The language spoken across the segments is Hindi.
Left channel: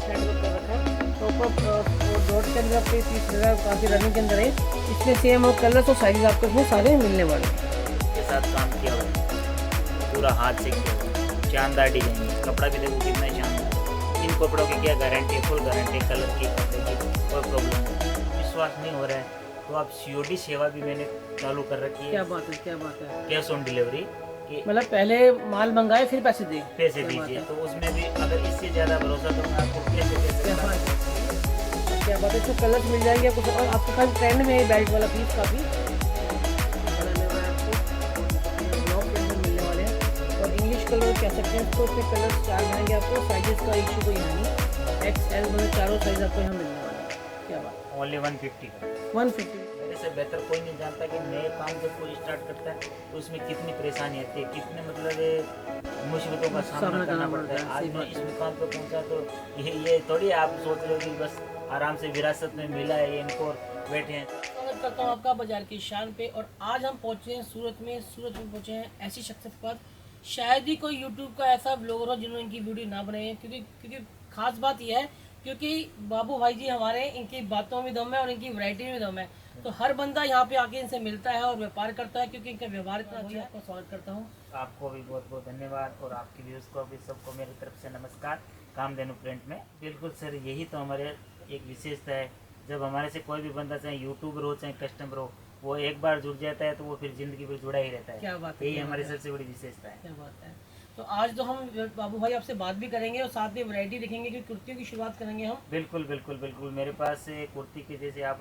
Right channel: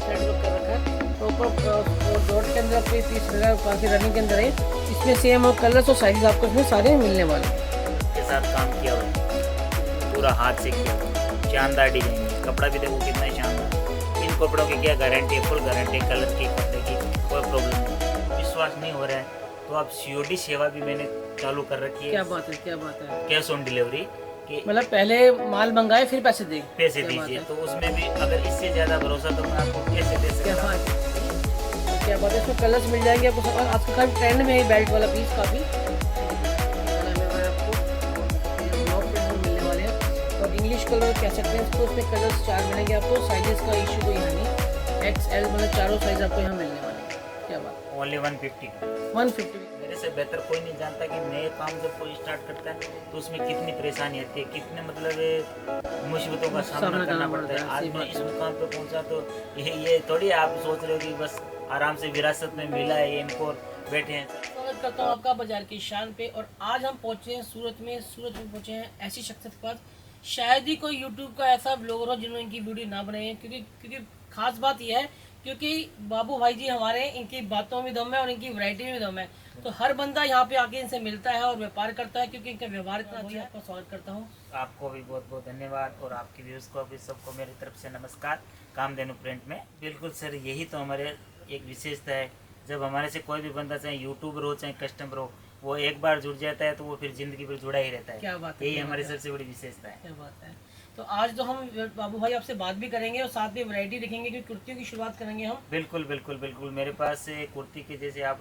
फ्लैट वर्क कर रखा है प्रॉपर डॉट के अंदर आपको 30 लगा काफ़ी रनिंग के अंदर है। इसमें सेम और कलर्स और साइज आपको इसमें सारे मिलने वाले हैं। के साथ काम किया हुआ है, पूरा हाथ से किया हुआ है, शानदार डिजाइन है। कपड़ा भी देखो कितना शानदार। इन कपड़ों की क्या गारंटी है, फुल गारंटी, कलर की, कपड़े की कोई प्रॉब्लम नहीं। विश्वास नहीं हो रहा है तो आप COD सेवा भी मैंने चालू कर रखी है। क्या बात है, क्या बात है। कैश ऑन डिलीवरी कि मतलब पहले माल मंगाए फिर पैसे दे, पैसे दीजिए, तो उसमें भी अगर इससे ज़्यादा भरोसा तो मैं आपको कैसे दे क्या सकता हूँ। बात है, क्या बात है। इसमें कलर्स मिल जाएंगे आपको। और आपके काफ़ी ट्रेंड में है बेल्ट वाला पीस काफ़ी ब्लॉक प्रिंट में मिलने वाले हैं। और इंग्लिश कलर कह सकते हैं इसको। इसमें कलर्स 4 मिलेंगे आपको। साइजेस का इशू कोई है नहीं। XL मतलब चारों साइज आपको यहाँ मिलने वाले हैं। क्या बात है। ओनली 150 का। 150। मेरे से बेहतर कोई नहीं जानता कि नए काम जब कोई स्टार्ट करता है तो उसमें कितनी परेशानी आती है, कितने मतलब मुसीबतों का सामना करना पड़ता है। आज मैं इस मुकाम पे पहुंचा तो ये थोड़ी आप सोच रहे हो कि बस आराम से विरासत में मिला है ये इनको और बैठे हैं। स्वागत करता हूँ आपका बाजार की शान पे। और आज हम पहुँचे हैं सूरत में पहुँचे हैं ऐसी शख्सियत पर शायद ही कोई यूट्यूब का ऐसा ब्लॉगर हो जिन्होंने इनकी वीडियो ना बनाई है। क्योंकि खास बात यह है क्योंकि बाबू भाई जी हमारे, इनकी बातों में दम है और इनकी वैरायटी में भी दम है। तो हर बंदा यहाँ पे आके इनसे मिलता है और व्यापार करता है क्योंकि इनका व्यवहार इतना अच्छा है। आपका स्वागत करता हूँ। आपको भी बहुत बहुत धन्यवाद और आपके व्यूअर्स को भी सबको मेरी तरफ से नमस्कार। कामधेनु प्रिंट में बिल्कुल सर, यही तो हमारे एक विशेषता है। जब हमारे से कोई भी बंदा, चाहे यूट्यूबर हो चाहे कस्टमर हो, वो एक बार जुड़ जाता है तो वो फिर जिंदगी भर जुड़ा ही रहता है। क्या बात है, यही क्या हमारी बात है। सबसे बड़ी विशेषता है। क्या बात है। तो आज तो हम बाबू भाई आपसे बात भी करेंगे और साथ में वैरायटी देखेंगे क्योंकि कुर्तियों की शुरुआत करेंगे हम। बिल्कुल बिल्कुल बिल्कुल। मेरे पास कुर्ती के जैसे आप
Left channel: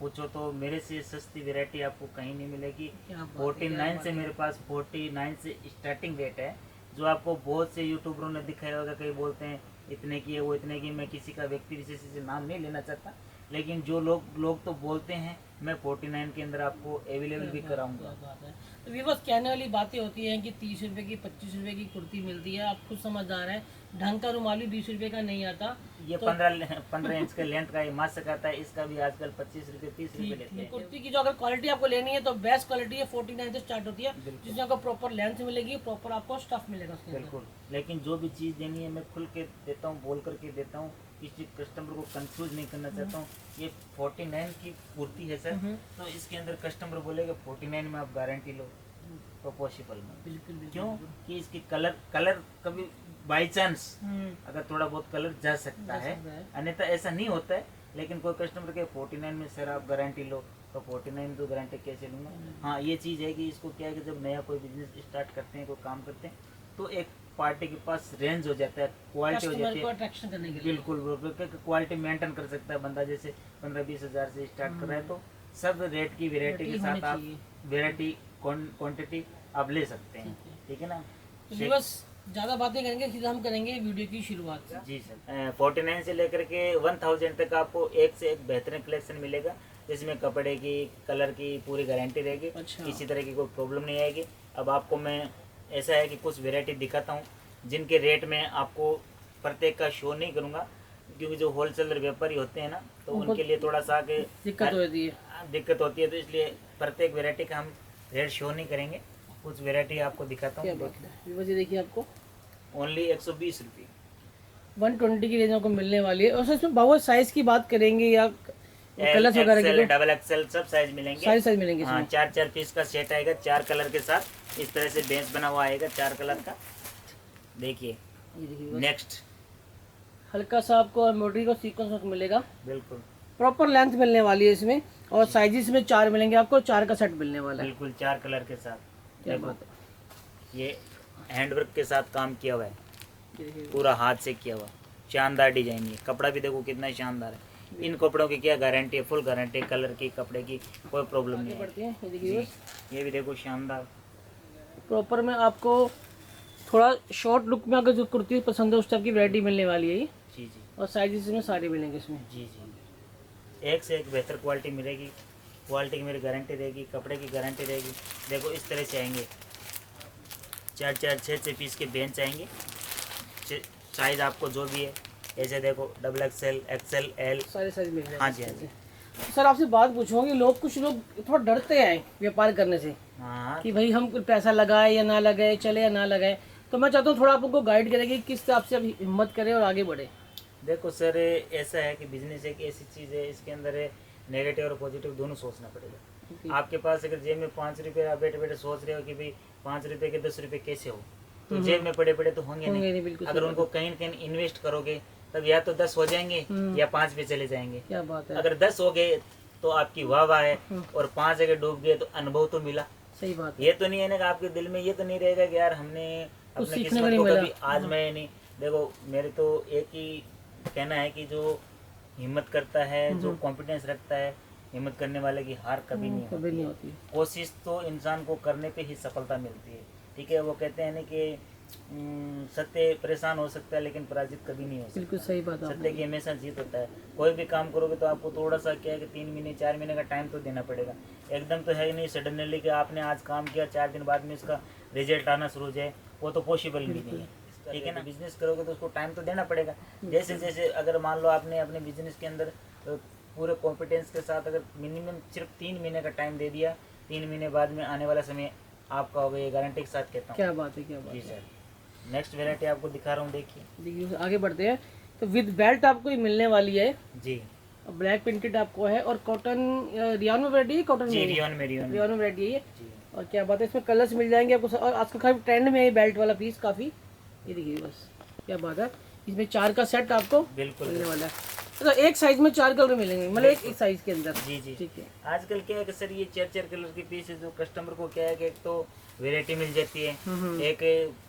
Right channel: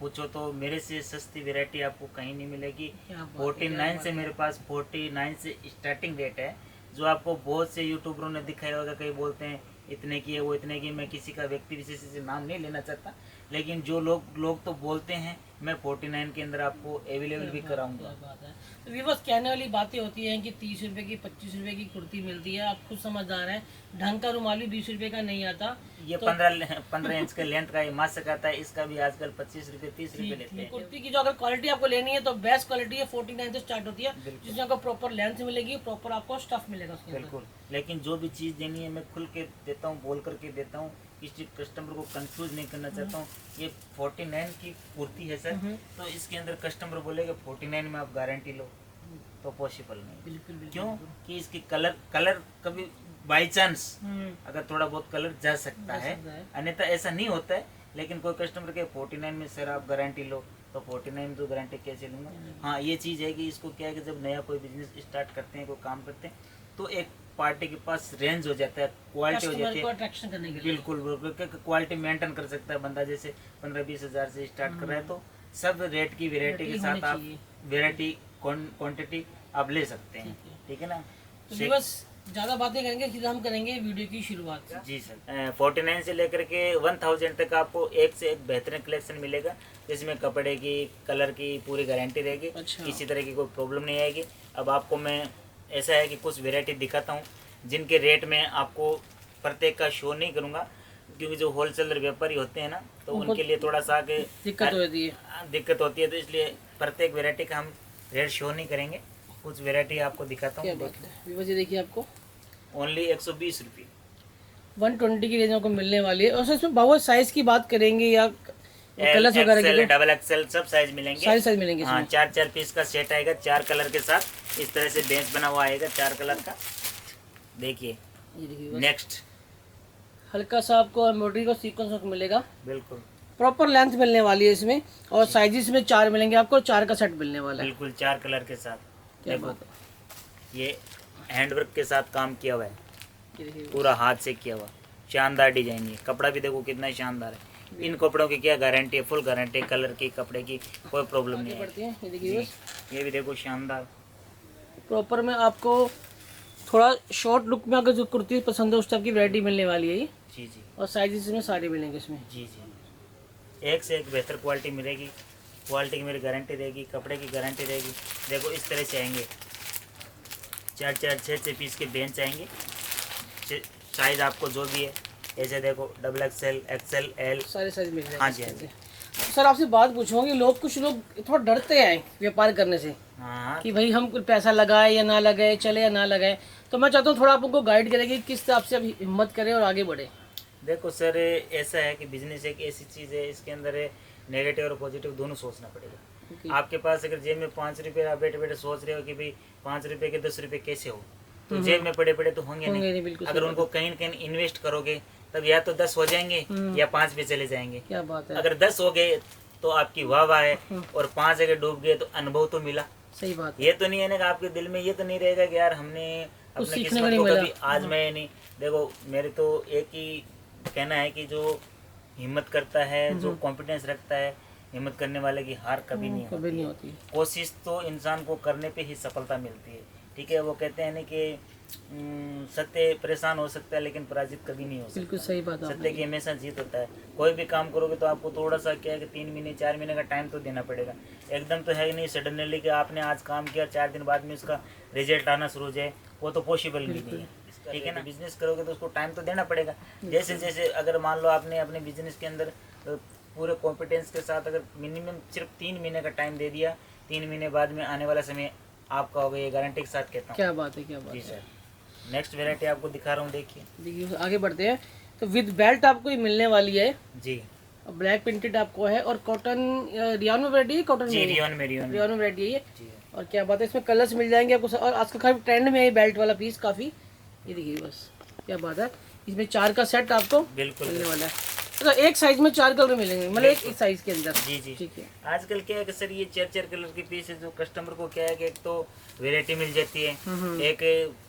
पूछो तो मेरे से सस्ती वैरायटी आपको कहीं नहीं मिलेगी। 49 से मेरे पास 49 से स्टार्टिंग रेट है। जो आपको बहुत से यूट्यूबरों ने दिखाया होगा, कई बोलते हैं इतने की है, वो इतने की। मैं किसी का व्यक्ति विशेष से नाम नहीं लेना चाहता, लेकिन जो लोग तो बोलते हैं मैं 49 के अंदर आपको अवेलेबल भी कराऊंगा। बात है। तो व्यूअर्स, कहने वाली बातें होती हैं कि 30 रुपए की 25 रुपए की कुर्ती मिलती है। आप खुद समझदार हैं, ढंग का रुमाल भी 20 रुपए का नहीं आता। ये तो 15 इंच के लेंथ का ये मास्क आता है, इसका भी आजकल 25 रुपए 30 रुपए लेते हैं। कुर्ती की जो अगर क्वालिटी आपको लेनी है तो बेस्ट क्वालिटी है 49 से स्टार्ट होती है, जिसमें आपको प्रॉपर लेंथ मिलेगी, प्रॉपर आपको स्टफ मिलेगा उसके अंदर। बिल्कुल। लेकिन जो भी चीज़ देनी है मैं खुल के देता हूँ, बोल करके देता हूँ। किसी कस्टमर को कंफ्यूज नहीं करना चाहता हूँ। ये 49 की कुर्ती है सर, तो इसके अंदर कस्टमर बोलेगा 49 में आप गारंटी लो, तो पॉसिबल नहीं। बिल्कुल। क्यों कि इसकी कलर कभी बाई चांस अगर थोड़ा बहुत कलर जा सकता है, अन्यथा ऐसा नहीं होता है। लेकिन कोई कस्टमर के 49 में सर आप गारंटी लो, तो 49 में तो गारंटी कैसे लूँगा। हाँ, ये चीज़ है कि इसको क्या है कि जब नया कोई बिजनेस स्टार्ट करते हैं, कोई काम करते हैं, तो एक पार्टी के पास रेंज हो जाता है, क्वालिटी हो जाती है अट्रैक्शन करने के लिए। बिल्कुल क्वालिटी मेंटेन कर सकता है बंदा। जैसे 15-20 हज़ार से स्टार्ट कर रहा है तो सब रेट की वैरायटी के साथ आप वैरायटी क्वांटिटी आप ले सकते हैं। ठीक है ना। तो बस ज़्यादा बातें करेंगे, सीधा हम करेंगे वीडियो की शुरुआत। जी सर, 49 से लेकर के 1000 तक आपको एक से एक बेहतरीन कलेक्शन मिलेगा, जिसमें कपड़े की, कलर की पूरी गारंटी रहेगी। अच्छा। किसी तरह की कोई प्रॉब्लम नहीं आएगी। अब आपको मैं ऐसा है कि कुछ वैरायटी दिखाता हूँ जिनके रेट में आपको प्रत्येक का शो नहीं करूँगा, क्योंकि जो होलसेलर व्यापारी होते हैं ना, तो उनके लिए थोड़ा सा दिक्कत होती है, तो इसलिए प्रत्येक वैरायटी का हम रेट शो नहीं करेंगे। कुछ वैरायटी आपको दिखाता हूँ। देखिए आपको ओनली 120 रुपये 120 की रेंज को मिलने वाली है। और इसमें बहुत साइज की बात करेंगे या कलर्स वगैरह की, डबल एक्सएल सब साइज मिलेंगे। सारे साइज मिलेंगे। हाँ, 4 पीस का सेट आएगा, 4 कलर के साथ। इस तरह से बेंच बना हुआ आएगा 4 कलर का। देखिए नेक्स्ट, हल्का सा आपको एम्ब्रॉयडरी का सीक्वेंस मिलेगा। बिल्कुल प्रॉपर लेंथ मिलने वाली है इसमें। और साइजेस में 4 मिलेंगे आपको, 4 का सेट मिलने वाला है। बिल्कुल 4 कलर के साथ। क्या बात है। ये हैंडवर्क के साथ काम किया हुआ है, पूरा हाथ से किया हुआ, शानदार डिजाइन। ये कपड़ा भी देखो कितना शानदार है। इन कपड़ों की क्या गारंटी है, फुल गारंटी, कलर की, कपड़े की कोई प्रॉब्लम नहीं है। ये देखिए ये भी देखो शानदार। प्रॉपर में आपको थोड़ा शॉर्ट लुक में अगर जो कुर्ती पसंद है उस टाइप की वैरायटी मिलने वाली है ये। जी जी। और साइजेस में सारे मिलेंगे इसमें। जी जी, एक से एक बेहतर क्वालिटी मिलेगी। क्वालिटी की मेरी गारंटी रहेगी, कपड़े की गारंटी रहेगी। देखो इस तरह से आएंगे 4 6 पीस के बेंच आएंगे। साइज आपको जो भी है, ऐसे देखो डबल एक्सएल, एक्सएल, एल, सारे साइज मिल जाएंगे। हाँ जी, हाँ जी। सर आपसे बात पूछूंगी, कुछ लोग थोड़ा डरते हैं व्यापार करने से। हाँ, कि भाई हम कुछ पैसा लगाए या ना लगाए, चले या ना लगाए। तो मैं चाहता हूँ थोड़ा आप उनको गाइड करें कि किस हिसाब से आप हिम्मत करें और आगे बढ़े। देखो सर, ऐसा है कि बिजनेस एक ऐसी चीज़ है, इसके अंदर है नेगेटिव और पॉजिटिव दोनों सोचना पड़ेगा। आपके पास अगर जेब में 5 रुपये, आप बैठे बैठे सोच रहे हो कि भाई 5 रुपये के 10 रुपये कैसे हो, तो जेब में पड़े पड़े तो होंगे नहीं। अगर उनको कहीं न कहीं इन्वेस्ट करोगे तब या तो 10 हो जाएंगे या 5 पे चले जाएंगे। क्या बात है। अगर 10 हो गए तो आपकी वाह वाह है, और 5 अगर डूब गए तो अनुभव तो मिला। सही बात है। ये तो नहीं है ना कि आपके दिल में ये तो नहीं रहेगा कि यार हमने अपने किस्मत को कभी आजमाया नहीं। देखो मेरे तो एक ही कहना है कि जो हिम्मत करता है, जो कॉन्फिडेंस रखता है, हिम्मत करने वाले की हार कभी नहीं होती। कोशिश तो इंसान को करने पे ही सफलता मिलती है। ठीक है, वो कहते हैं ना कि सत्य परेशान हो सकता है लेकिन पराजित कभी नहीं हो सकता। बिल्कुल सही बात है। सत्य की हमेशा जीत होता है। कोई भी काम करोगे तो आपको थोड़ा सा क्या है कि 3 महीने 4 महीने का टाइम तो देना पड़ेगा। एकदम तो है ही नहीं सडनली कि आपने आज काम किया 4 दिन बाद में इसका रिजल्ट आना शुरू हो जाए, वो तो पॉसिबल भी नहीं है। ठीक है ना, बिजनेस करोगे तो उसको टाइम तो देना पड़ेगा। जैसे जैसे अगर मान लो आपने अपने बिजनेस के अंदर पूरे कॉन्फिडेंस के साथ अगर मिनिमम सिर्फ 3 महीने का टाइम दे दिया, 3 महीने बाद में आने वाला समय आपका होगा, ये गारंटी के साथ कहता हूँ। क्या बात है, क्या बात है। जी सर, नेक्स्ट वेराइटी आपको दिखा रहा हूँ, देखिए आगे बढ़ते हैं। तो विद बेल्ट आपको ये मिलने वाली है जी। ब्लैक प्रिंटेड आपको है, और कॉटन रियान में वैरायटी है, कॉटन जी में रियान में वैरायटी है जी। और क्या बात है, इसमें कलर्स मिल जाएंगे आपको। और आजकल काफी ट्रेंड में है बेल्ट वाला पीस काफी। ये देखिए बस क्या बात है, इसमें 4 का सेट आपको बिल्कुल मिलने वाला है। तो एक साइज में 4 कलर मिलेंगे, मतलब एक साइज के अंदर। जी जी। ठीक है। आजकल क्या है कि सर ये 4 कलर के पीस है, जो कस्टमर को क्या है कि एक तो वेरायटी मिल जाती है, एक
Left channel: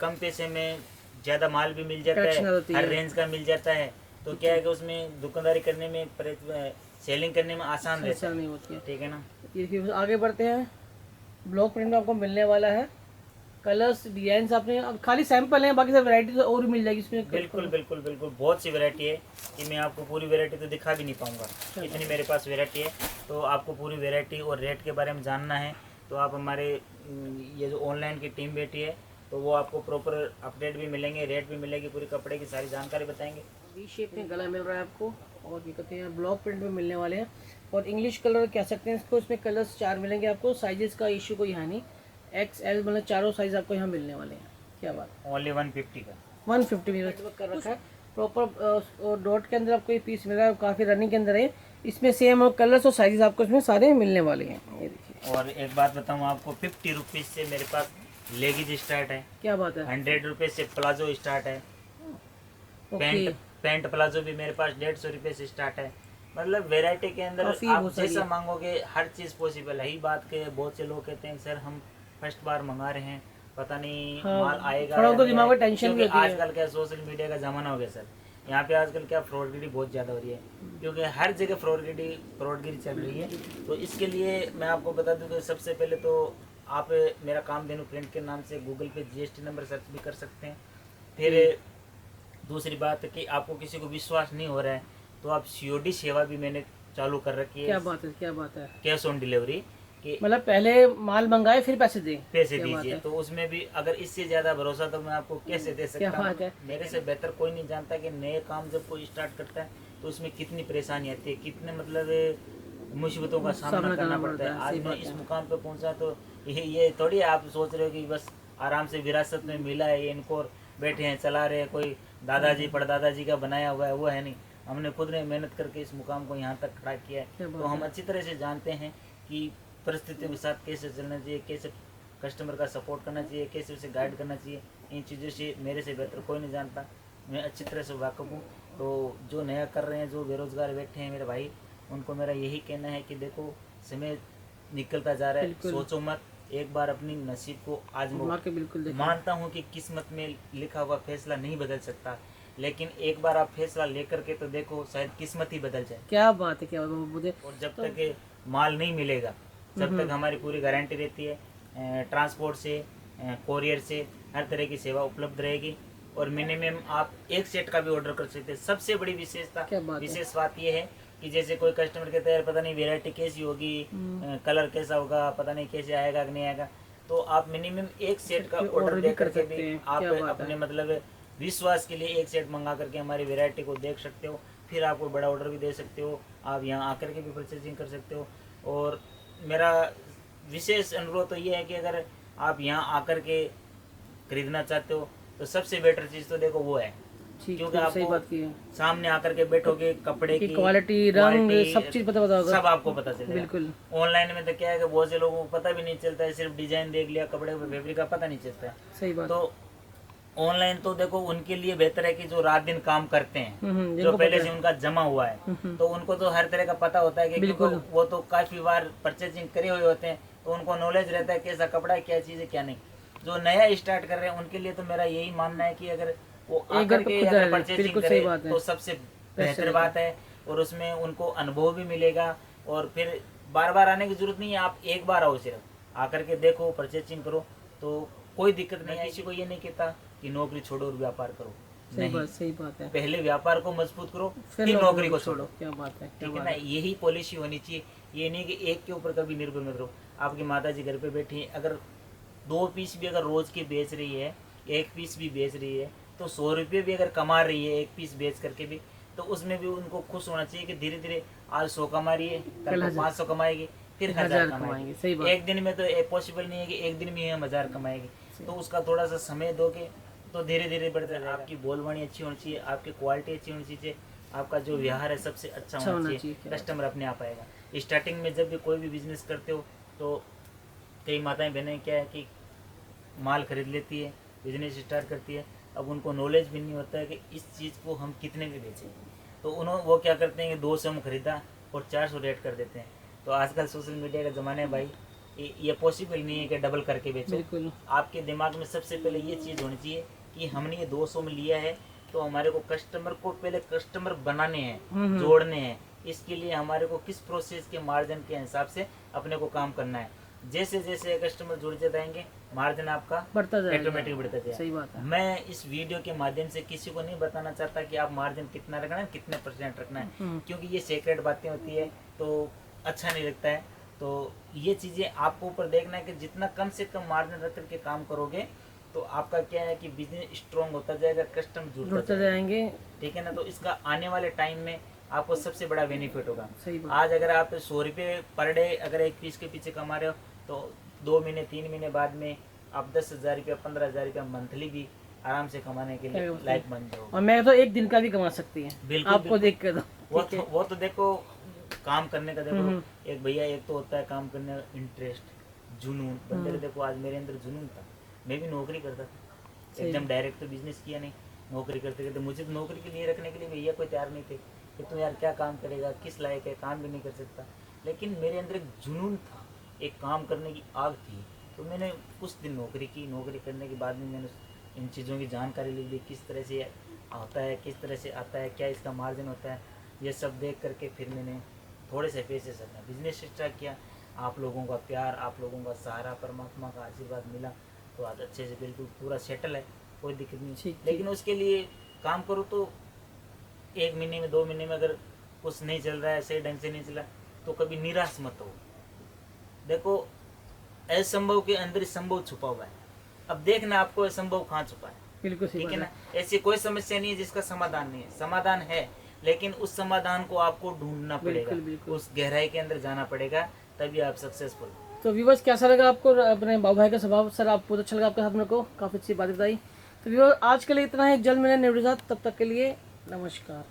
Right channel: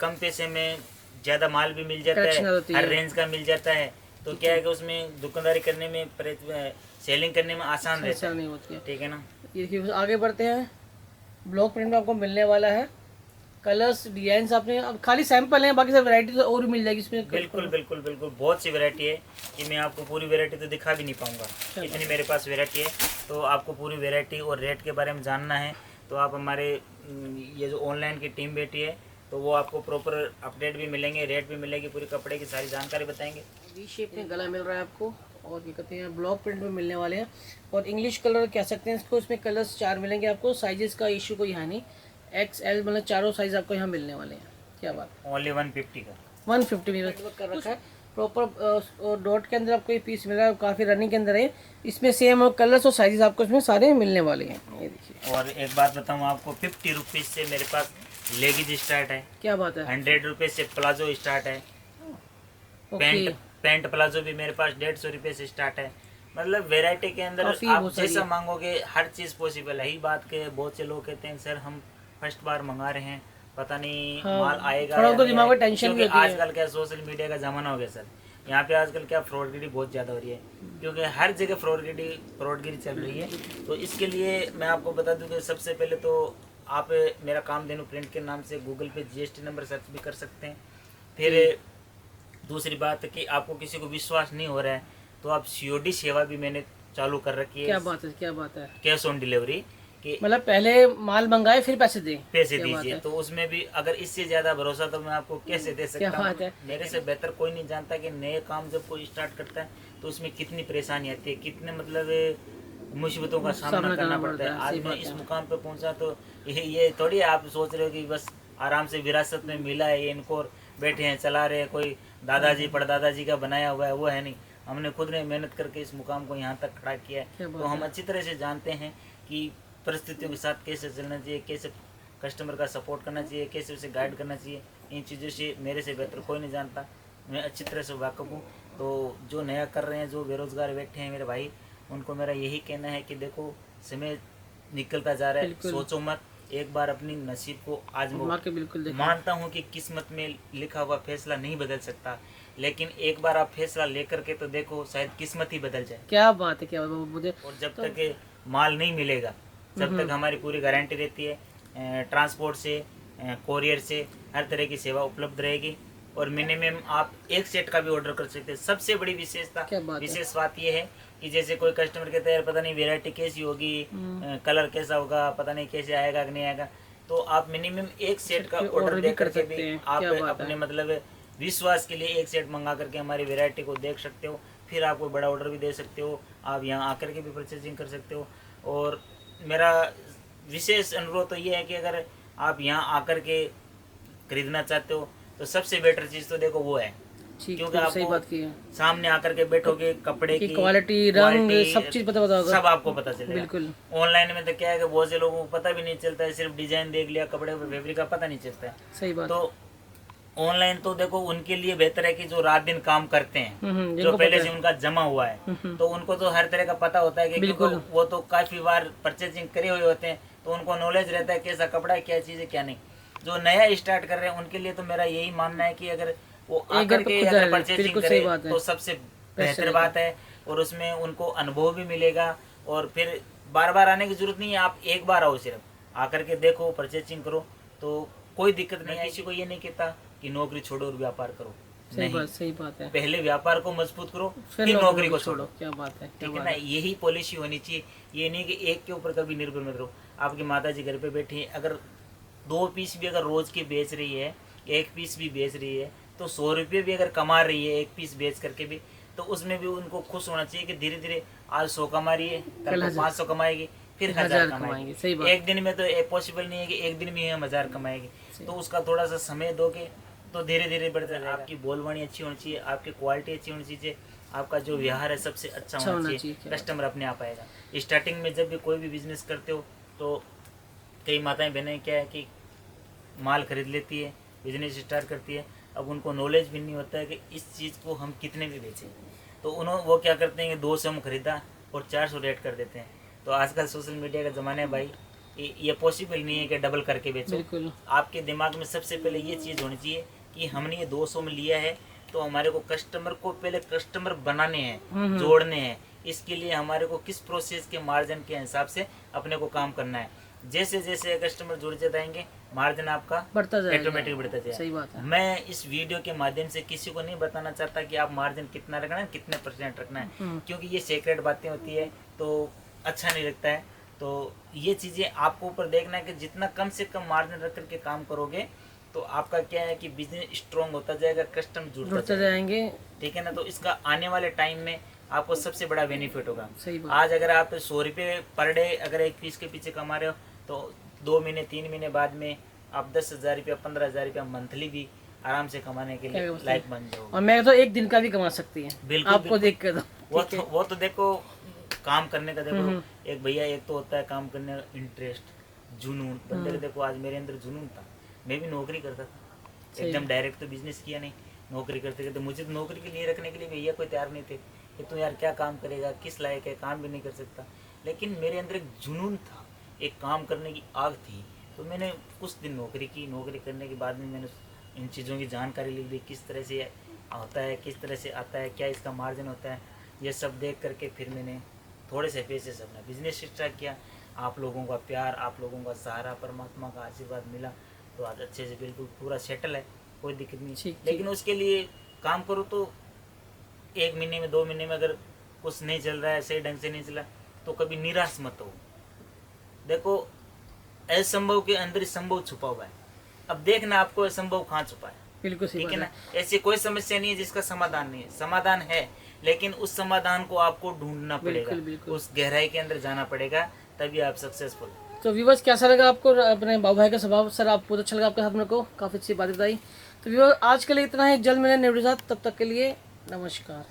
कम पैसे में ज्यादा माल भी मिल जाता है, हर रेंज का मिल जाता है। तो क्या है कि उसमें दुकानदारी करने में, सेलिंग करने में आसान रहता है। नहीं होती है। ठीक है ना। ये देखिए आगे बढ़ते हैं। ब्लॉक प्रिंट में आपको मिलने वाला है, कलर्स डिजाइन आपने अब खाली सैंपल हैं, बाकी सब वैरायटी तो और भी मिल जाएगी इसमें। बिल्कुल बिल्कुल बिल्कुल, बहुत सी वैरायटी है कि मैं आपको पूरी वैरायटी तो दिखा भी नहीं पाऊंगा, इतनी मेरे पास वैरायटी है। तो आपको पूरी वैरायटी और रेट के बारे में जानना है तो आप हमारे ये जो ऑनलाइन की टीम बैठी है तो वो आपको प्रॉपर अपडेट भी मिलेंगे, रेट भी मिलेगी, पूरी कपड़े की सारी जानकारी बताएंगे। वी शेप में गला मिल रहा है आपको, और क्या कहते हैं ब्लॉक प्रिंट में मिलने वाले हैं, और इंग्लिश कलर कह सकते हैं इसको। इसमें कलर्स 4 मिलेंगे आपको, साइजेस का इशू कोई है नहीं। XL मतलब चारों साइज आपको यहाँ मिलने वाले हैं। क्या बात है। ओनली 150 का 150 में कर रखा है प्रॉपर। डॉट के अंदर आपको ये पीस मिल रहा है, काफ़ी रनिंग के अंदर है। इसमें सेम कलर्स और साइजेस आपको इसमें सारे मिलने वाले हैं। ये देखिए। और एक बात बताऊँ आपको, 50 रुपीज़ से मेरे पास लेगीज स्टार्ट है। क्या बात है। 100 रुपये से प्लाजो स्टार्ट है। पैंट प्लाजो भी मेरे पास 150 रुपये से स्टार्ट है। मतलब वैरायटी के अंदर आप जैसा मांगोगे हर चीज़ पॉसिबल है। ही बात के बहुत से लोग कहते हैं सर हम फर्स्ट बार मंगा रहे हैं, पता नहीं माल आएगा, थोड़ा तो दिमाग में टेंशन भी होती है। आजकल क्या सोशल मीडिया का जमाना हो गया सर, यहाँ पे आजकल क्या फ्रॉडगिरी बहुत ज़्यादा हो रही है, क्योंकि हर जगह फ्रॉडगिरी चल रही है। तो इसके लिए मैं आपको बता दूं कि सबसे पहले तो आप मेरा कामधेनु प्रिंट के नाम से गूगल पे GST नंबर सर्च भी कर सकते हैं। फिर दूसरी बात कि आपको किसी को विश्वास नहीं हो रहा है तो आप COD सेवा भी मैंने चालू कर रखी है। क्या बात है, क्या बात है। कैश ऑन डिलीवरी कि मतलब पहले माल मंगाए फिर पैसे दीजिए। तो उसमें भी अगर इससे ज्यादा भरोसा तो मैं आपको कैसे दे सकता हूँ। मेरे से बेहतर कोई नहीं जानता कि नए काम जब कोई स्टार्ट करता है तो उसमें कितनी परेशानी आती है, कितने मतलब मुसीबतों का सामना करना पड़ता है। आज मैं इस मुकाम पे पहुंचा तो ये थोड़ी आप सोच रहे हो कि बस आराम से विरासत में मिला है, ये इनको बैठे हैं चला रहे हैं, कोई दादाजी परदादाजी का बनाया हुआ है, वो है नहीं। हमने खुद ने मेहनत करके इस मुकाम को यहाँ तक खड़ा किया है। तो हम अच्छी तरह से जानते हैं कि परिस्थितियों के साथ कैसे चलना चाहिए, कैसे कस्टमर का सपोर्ट करना चाहिए, कैसे उसे गाइड करना चाहिए। इन चीज़ों से मेरे से बेहतर कोई नहीं जानता, मैं अच्छी तरह से वाकिफ़ हूँ। तो जो नया कर रहे हैं, जो बेरोज़गार बैठे हैं मेरे भाई, उनको मेरा यही कहना है कि देखो समय निकलता जा रहा है, सोचो मत, एक बार अपनी नसीब को आजमाओ। मानता हूँ कि किस्मत में लिखा हुआ फैसला नहीं बदल सकता, लेकिन एक बार आप फैसला लेकर के तो देखो, शायद किस्मत ही बदल जाए। क्या बात है, क्या बात है मुझे। और जब तक माल नहीं मिलेगा जब तक हमारी पूरी गारंटी रहती है। ट्रांसपोर्ट से, कोरियर से हर तरह की सेवा उपलब्ध रहेगी। और मिनिमम आप 1 सेट का भी ऑर्डर कर सकते हैं। सबसे बड़ी विशेष बात यह है कि जैसे कोई कस्टमर कहता है पता नहीं वैरायटी कैसी होगी, कलर कैसा होगा, पता नहीं कैसे आएगा कि नहीं आएगा, तो आप मिनिमम 1 सेट का ऑर्डर दे करके भी आप अपने मतलब विश्वास के लिए 1 सेट मंगा करके हमारी वैरायटी को देख सकते हो। फिर आपको बड़ा ऑर्डर भी दे सकते हो, आप यहाँ आकर के भी परचेजिंग कर सकते हो। और मेरा विशेष अनुरोध तो ये है कि अगर आप यहाँ आकर के खरीदना चाहते हो तो सबसे बेटर चीज़ तो देखो वो है ठीक क्योंकि है, सही आपको बात की है सामने आकर के बैठोगे कपड़े कि की क्वालिटी, रंग, सब चीज पता होगा। सब आपको पता चलेगा। बिल्कुल ऑनलाइन में तो क्या है कि बहुत से लोगों को पता भी नहीं चलता है, सिर्फ डिजाइन देख लिया कपड़े पे, फैब्रिक का पता नहीं चलता है। सही बात। तो ऑनलाइन तो देखो उनके लिए बेहतर है कि जो रात दिन काम करते हैं, जो जिनको पहले पता से है। उनका जमा हुआ है, तो उनको तो हर तरह का पता होता है कि बिल्कुल। क्योंकि वो तो काफी बार परचेजिंग करे हुए होते हैं, तो उनको नॉलेज रहता है कैसा कपड़ा है, क्या चीज़ है, क्या नहीं। जो नया स्टार्ट कर रहे हैं उनके लिए तो मेरा यही मानना है कि अगर वो आकर के खुद अगर है, परचेजिंग बिल्कुल करे सही बात है। तो सबसे बेहतर रहेगा। बात है, और उसमें उनको अनुभव भी मिलेगा। और फिर बार बार आने की जरूरत नहीं है, आप एक बार आओ, सिर्फ आकर के देखो, परचेजिंग करो, तो कोई दिक्कत नहीं है। किसी को ये नहीं कहता कि नौकरी छोड़ो और व्यापार करो, सही बात है। पहले व्यापार को मजबूत करो, फिर फिर नौकरी को छोड़ो। क्या बात है, क्या ठीक है बात ना, है। यही पॉलिसी होनी चाहिए। ये नहीं कि एक के ऊपर कभी निर्भर मत रहो। आपकी माता जी घर पे बैठी है, अगर 2 पीस भी अगर रोज के बेच रही है, 1 पीस भी बेच रही है, तो 100 रुपये भी अगर कमा रही है 1 पीस बेच करके भी, तो उसमें भी उनको खुश होना चाहिए कि धीरे धीरे आज 100 कमा रही है, कल 500 कमाएगी, फिर 1000 कमाएगी। सही बात। एक दिन में तो पॉसिबल नहीं है कि एक दिन में हम 1000 कमाएगी, तो उसका थोड़ा सा समय दोगे तो धीरे धीरे बढ़ता जाएगा। आपकी बोलवाणी अच्छी होनी चाहिए, आपकी क्वालिटी अच्छी होनी चाहिए, आपका जो व्यवहार है सबसे अच्छा होना चाहिए, कस्टमर अपने आप आएगा। स्टार्टिंग में जब भी कोई भी बिजनेस करते हो तो कई माताएं बहनें क्या है कि माल खरीद लेती है, बिजनेस स्टार्ट करती है, अब उनको नॉलेज भी नहीं होता है कि इस चीज़ को हम कितने में बेचें, तो वो क्या करते हैं कि 200 में खरीदा और 400 रेट कर देते हैं। तो आजकल सोशल मीडिया का ज़माना है भाई, ये पॉसिबल नहीं है कि डबल करके बेचो। आपके दिमाग में सबसे पहले ये चीज़ होनी चाहिए कि हमने ये 200 में लिया है, तो हमारे को कस्टमर को पहले कस्टमर बनाने हैं, जोड़ने हैं। इसके लिए हमारे को किस प्रोसेस के मार्जिन के हिसाब से अपने को काम करना है। जैसे जैसे कस्टमर जुड़ते जाएंगे, मार्जिन आपका बढ़ता जाएगा, ऑटोमेटिक बढ़ता जाएगा। सही बात है। मैं इस वीडियो के माध्यम से किसी को नहीं बताना चाहता कि आप मार्जिन कितना रखना है, कितने % रखना है, क्योंकि ये सीक्रेट बातें होती है तो अच्छा नहीं लगता है। तो ये चीज़ें आपको ऊपर देखना है कि जितना कम से कम मार्जिन रख करके काम करोगे तो आपका क्या है कि बिजनेस स्ट्रॉन्ग होता जाएगा, कस्टमर जुड़ते जाएंगे। ठीक है ना, तो इसका आने वाले टाइम में आपको सबसे बड़ा बेनिफिट होगा। आज अगर आप 100 रुपये पर डे अगर 1 पीस के पीछे कमा रहे हो, तो 2 महीने 3 महीने बाद में आप 10,000 रुपया 15,000 रुपया मंथली भी आराम से कमाने के लिए लायक बन जाओगे। और मैं तो एक दिन का भी कमा सकती है, बिल्कुल आपको देख कर। वो तो देखो काम करने का, देखो एक भैया, एक तो होता है काम करने का इंटरेस्ट, जुनून। बंदे को देखो आज मेरे अंदर जुनून था, मैं भी नौकरी करता था, एकदम डायरेक्ट तो बिजनेस किया नहीं, नौकरी करते करते मुझे तो नौकरी के लिए रखने के लिए भैया कोई तैयार नहीं थे कि तू यार क्या काम करेगा, किस लायक है, काम भी नहीं कर सकता। लेकिन मेरे अंदर एक जुनून था, एक काम करने की आग थी, तो मैंने कुछ दिन नौकरी की। नौकरी करने के बाद में मैंने इन चीज़ों की जानकारी ली भी, किस तरह से होता है, किस तरह से आता है, क्या इसका मार्जिन होता है, ये सब देख करके फिर मैंने थोड़े से पैसे से अपना बिजनेस स्टार्ट किया। आप लोगों का प्यार, आप लोगों का सहारा, परमात्मा का आशीर्वाद मिला, तो आज अच्छे से बिल्कुल पूरा सेटल है, कोई दिक्कत नहीं। लेकिन उसके लिए काम करो तो 1 महीने में 2 महीने में अगर कुछ नहीं चल रहा है, सही ढंग से नहीं चला, तो कभी निराश मत हो। देखो असंभव के अंदर संभव छुपा हुआ है, अब देखना आपको असंभव कहाँ छुपा है। बिल्कुल ठीक है ना, ऐसी कोई समस्या नहीं है जिसका समाधान नहीं है, समाधान है, लेकिन उस समाधान को आपको ढूंढना पड़ेगा, उस गहराई के अंदर जाना पड़ेगा, तभी आप सक्सेसफुल। तो व्यूअर्स कैसा लगा आपको अपने बाबू भाई का स्वभाव? सर आप बहुत अच्छा लगा आपके साथ, मेरे को काफ़ी अच्छी बातें बताई। तो व्यूअर्स आज के लिए इतना ही, जल्द मिलेंगे न्यू वीडियो के साथ, तब तक के लिए नमस्कार।